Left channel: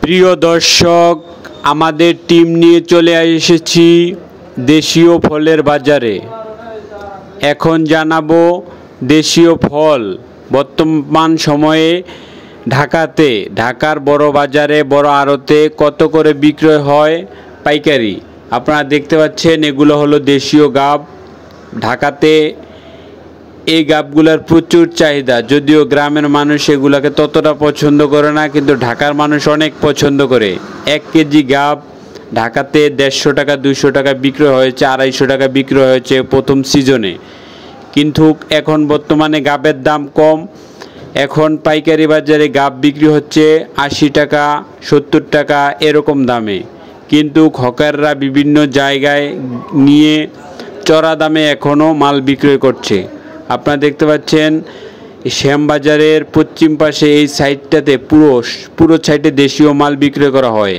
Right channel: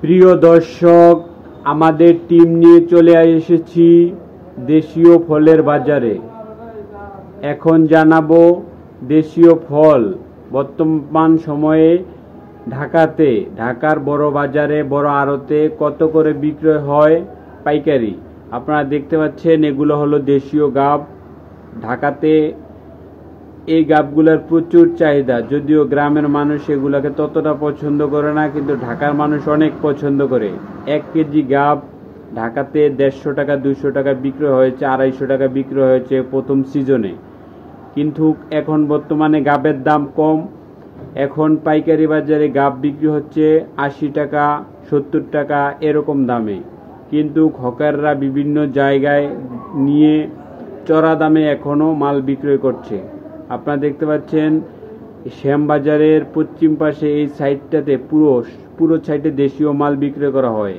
প্রিয় দর্শক, আমাদের টিম নিয়ে চলে এসেছি দেশীয় ফলের বাজারে। এখন জানাবো দেশীয় ফল বর্তমান সময়ে ঢাকার বড় বাজারে, বড় আড়তে কত করে বিক্রয় হয় পাইকারি। আপনারা দেখতে পাচ্ছেন এগুলো হলো দেশীয় গাব। ঢাকাতে এই গাবগুলোর প্রচুর চাহিদা, যদিও গ্রামের মানুষ এগুলাকে ততটা পছন্দ করে না, কিন্তু ঢাকার মানুষ অনেক পছন্দ করে। 1 কেজি গাব ঢাকাতে 150 টাকা 200 টাকা বিক্রয় হয়েছে, 250 টাকা বিক্রয় হয়েছে প্রথম সিজনে। কিন্তু এখন বর্তমানে গাবের দাম কম। এখন পাইকারি বাজারে গাব বিক্রি হচ্ছে 80 টাকা 70 টাকা এরকম দামে, কিন্তু হকাররা বিভিন্ন জায়গায় নিয়ে চড়া দামে এখনও মাল বিক্রয় করছে। আপনারা দেখতে পাচ্ছেন শ্যামবাজারের পশ্চিম পাশে এই সাইডটাতে পুরো সাইডে দেশীয় মাল বিক্রয় করা হয়।